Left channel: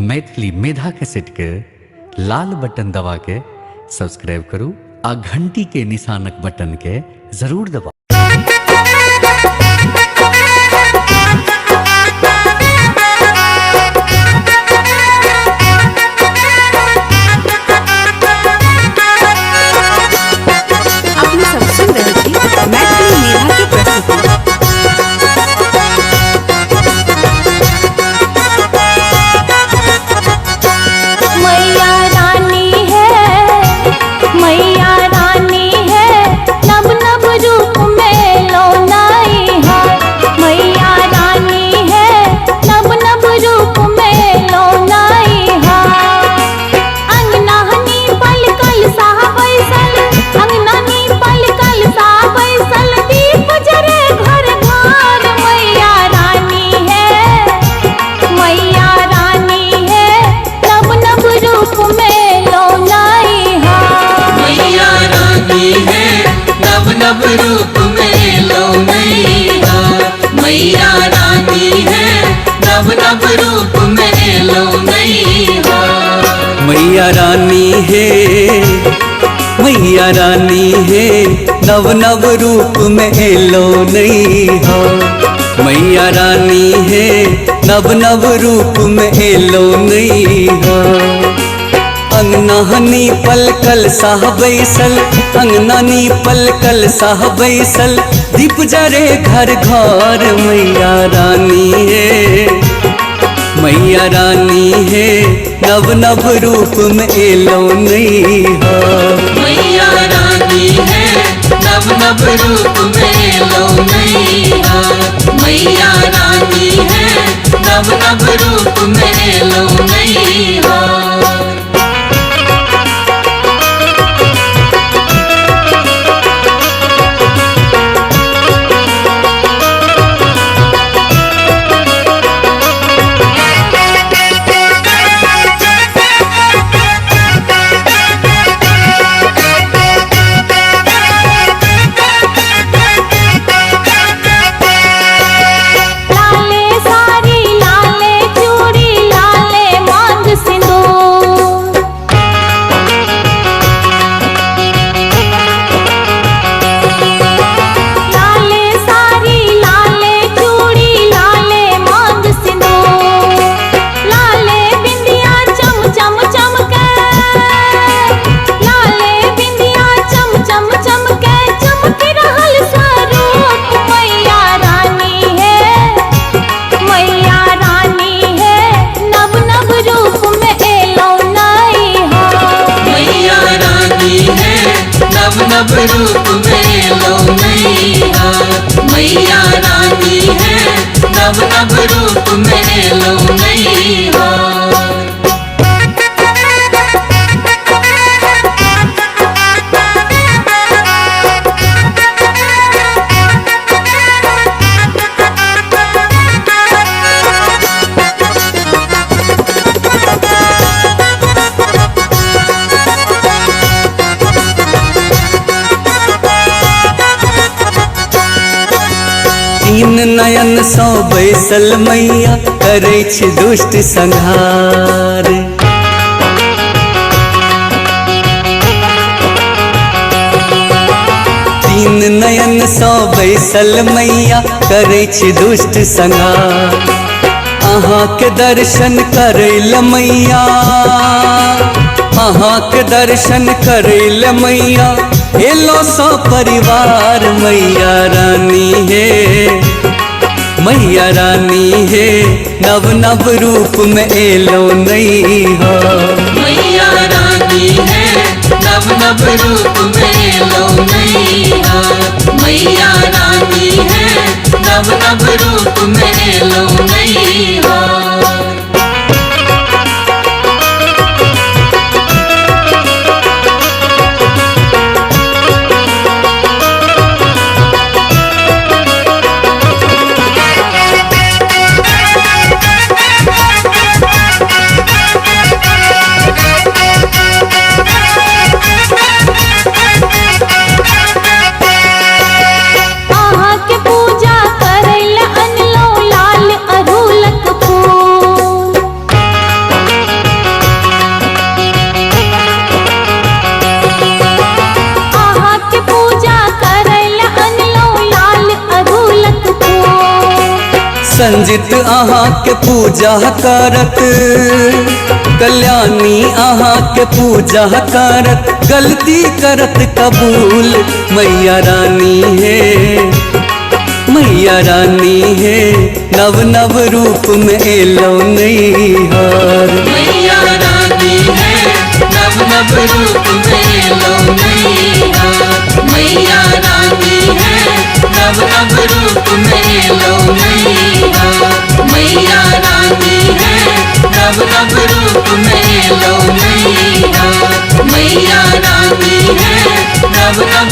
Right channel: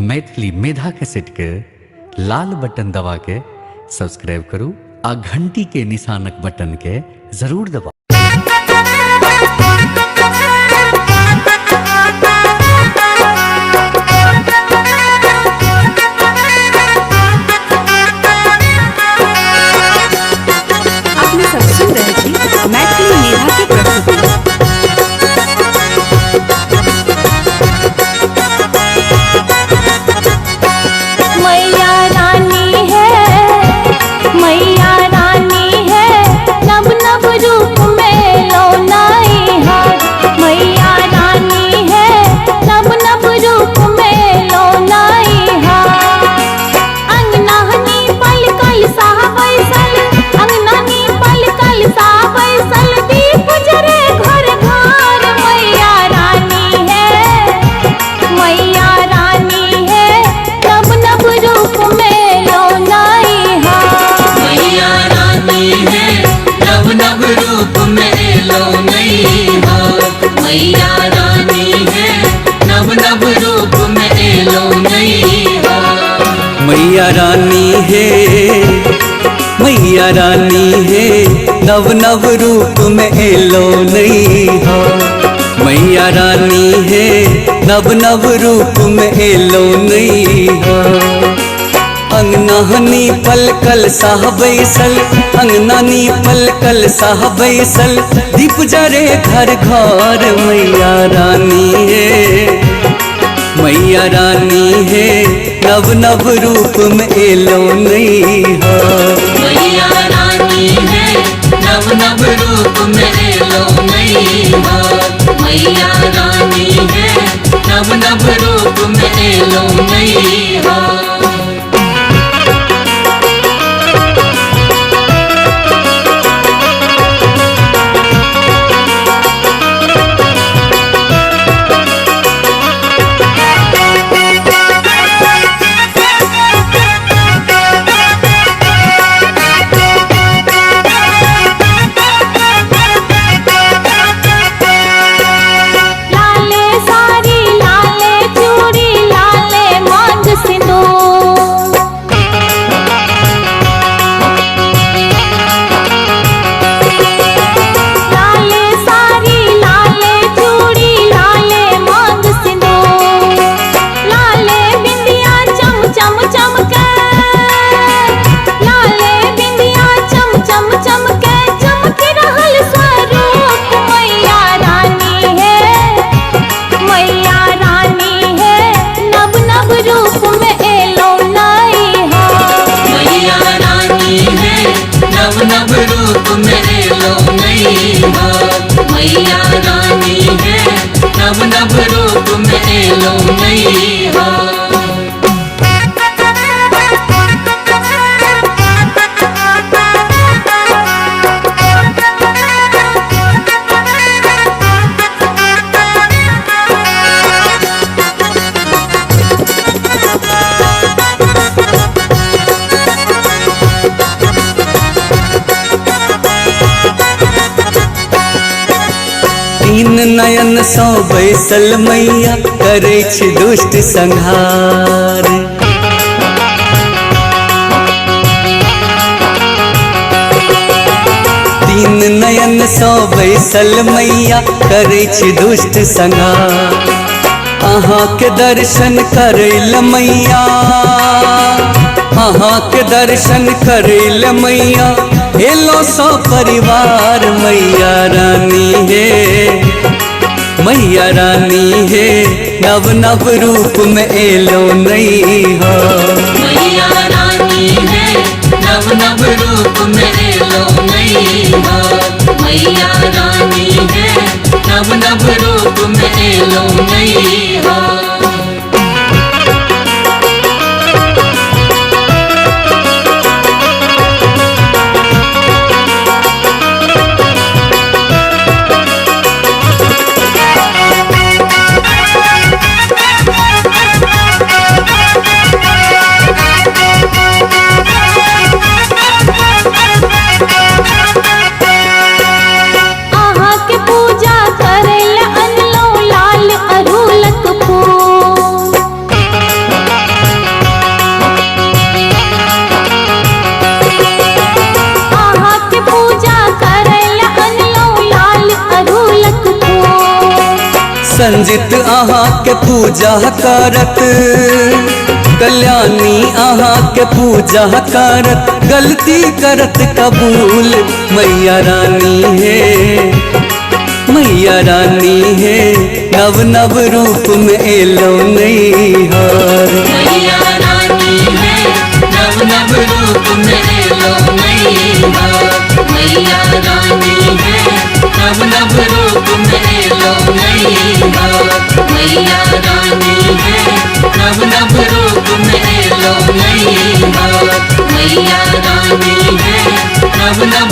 मैथिली मेधा cassette के लाल button दबा के सब्सक्राइब करू आ घंटी के निशानक बटन के जरूर दबाऊ। आपने सब सुन रहे थी मैथिली मेधा की प्रस्तुति। मैया रानी है नब नब रूप में लौनाई हार। मैया रानी है नब नब रूप में लौनाई हार। अंगनानी पलकल सा बैसल, अंगनानी पलकल सा बैसल, दीप जरे घर घर। मैया रानी है, मैया रानी है नब नब रूप में लौनाई हार। मैया रानी है नब नब रूप में लौनाई हार। मैया रानी है नब नब रूप में लौनाई हार। मैया रानी है, मैया रानी है नव नव रूप में एलो नहीं हो। मैया रानी है नव नव रूप में एलो नहीं हो। अंगनानी पलकल साह बैसल, अंगनानी पलकल साह बैसल, दीप जरे घर घर। मैया रानी है, मैया रानी है नव नव रूप में एलो नहीं हो। मैया रानी है नब नब रूप में लौनाई हार। मैया रानी है नब नब रूप में लौनाई हार। लाले साड़ी लाले चूड़ी लाले मांग सिंदूर। लाले साड़ी लाले चूड़ी लाले मांग सिंदूर। लाले बिंदिया चम चम चमके, लाले बिंदिया चम चम चमके, चमक रहल स्वरूप। मैया रानी है, मैया रानी है नब नब रूप में एलो नहीं हार। मैया रानी है नब नब रूप में लौनाई हार। मैया रानी है नब नब रूप में लौनाई हार। तीन नयन सौ बैसल मैया करै छै दुष्ट संहार। तीन नयन सौ बैसल मैया करै छै दुष्ट संहार। अहाँ के दर्शन करै ल मैया, अहाँ के दर्शन करै ल मैया एलो सौ परिवार। मैया रानी है, मैया रानी है नव नव रूप में एलो नहीं हो। मैया रानी है नब नब रूप में लौनाई हार। मैया रानी है नब नब रूप में लौनाई हार। संजित अहाँ के पूजा करत, कल्याणी अहाँ के पूजा करत, गलती करत कबूल। मैया रानी है, मैया रानी है, नव नव रूप में एलो नैहर। मैया रानी है, नव नव रूप में एलो नैहर। मैया रानी है, नव नव रूप में एलो नैहर। मैया रानी है, नव नव रूप में एलो नैहर। मैया रानी है, नव नव